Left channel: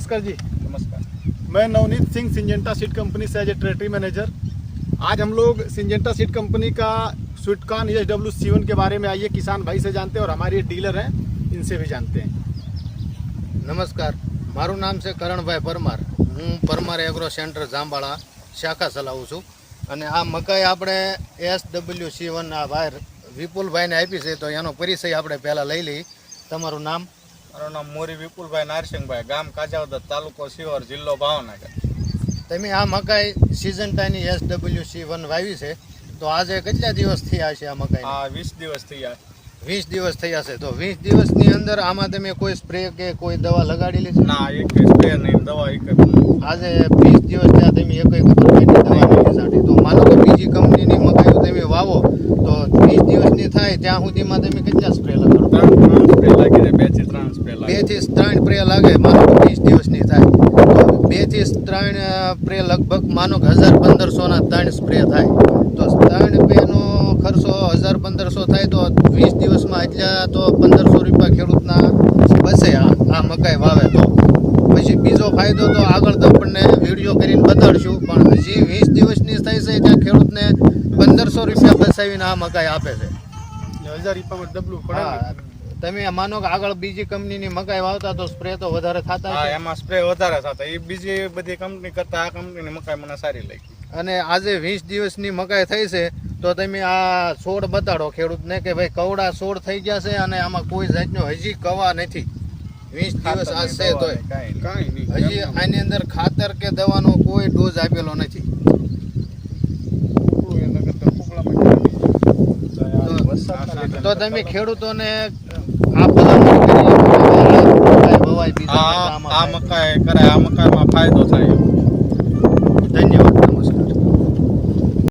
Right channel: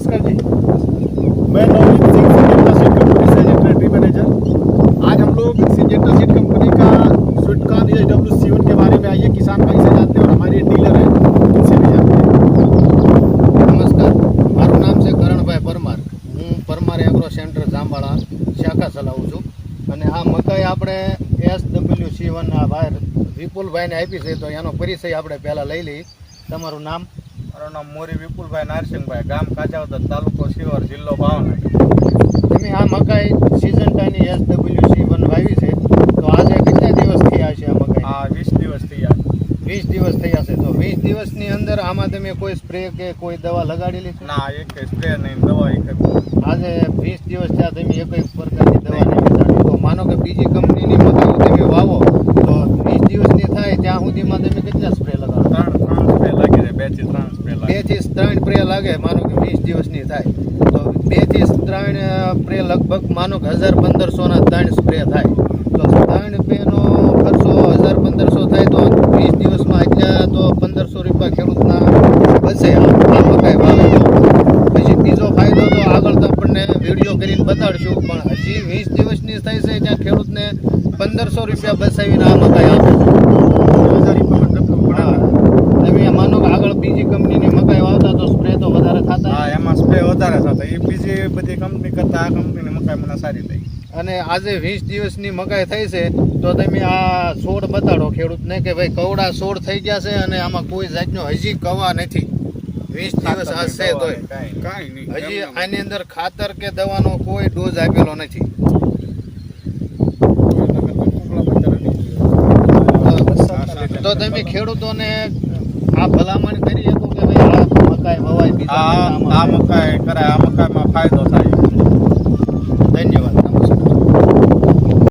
नमस्कार जी। मैं Navneet Singh, Syngenta seed company से एज टेरिटरी मैनेजर। आज हम लोग सिंजेंटा सीड कंपनी का स्वीटकॉर्न SW7 के बारे में आइए किसान भाई से जानते हैं और हमारे डीलर हैं इनसे भी जानते हैं। નમસ્કાર, મારું નામ છે કરણભાઈ પરમાર। હું પરમાર એગ્રો સેન્ટર જાંબાળા શાખા ચલાવું છું અને આ મકાઈ આપણે SW7 આ ભાઈ વિપુલભાઈને આપી છે, તો એનો પરિચય આપણે પહેલાં લઈ લઈએ। તમારું નામ? મારું નામ મોરી વિપુલભાઈ નારસિંહભાઈ, ગામ કાચાવદર, તાલુકો શિહોર, જિલ્લો ભાવનગર। તમે આ મકાઈ સિઝન્ટાની SW7 વાવી છે, તો આજે કેટલા દિવસ થયા છે આ મકાઈ? આ 20 દિવસ થયા। 20 દિવસ થયા છે। તો 20 દિવસની અંદર આમાં તમે કોઈ સ્પ્રે કે કોઈ દવા લગાડેલી છે? ના, એક સ્પ્રે નહીં, દવા એક આજે 20 દિવસ ત્યાં તમે એક પ્રકારની દવા નથી છાંટી, તો માનો કે બીજી કંપનીની મકાઈ તમે વાવો તો 20 દિવસની થાય ત્યાં સુધીમાં તમે કેટલા સ્પ્રે લગાડો? 3 સ્પ્રે લાગી જાય, 2 થી 3 સ્પ્રે લાગે। 2 થી 3 સ્પ્રે લાગે, માનો કે 20 દિવસની થાય તો 2 થી 3 સ્પ્રે લગભગ માનો કે 1000-1500 3 સ્પ્રે થાય, તો 3 સ્પ્રેનો ખર્ચો 1000-1500 થાય તો 20 દિવસમાં એટલા તો 1500 રૂપિયા ખેડૂતના બચે આ મકાઈ વાવે તો। પછી બીજો ફાયદો તો આગળ તમને વિડીયો કરીને બતાડશું, પણ હજી 20 દિવસની થાય છે ત્યાં ખેડૂતને 1500 રૂપિયા બચાવીને આ મકાઈ આપે છે। હા, તમે માનો કે આગળ બીજી કંપનીની મકાઈ વાવતા તો સ્પ્રે તો વધારે થતા? હા, એમાં સ્પ્રે વધારે થતા, એ બીજી બધી કંપની કરતાં આ કંપનીની મકાઈ મને સારી લાગી। અને આજે 20 દિવસની મકાઈ થઈ છે તો તમે આ છોડ બતાડો ખેડૂતને કે ભાઈ કવડા છોડ થઈ ગયા છે અને આમાં કોઈ જાતનો હજી કવા નથી। 20 દિવસ આ છે તોય હજી આની અંદર ખાતર કે દવાનો કોઈ ડોઝ આપેલો નથી। તો તમે ખેડૂતોને આ ભલામણ કરી આ મકાઈ કરાય, આ મકાઈમાં ફાયદો થાય। ધન્યવાદ।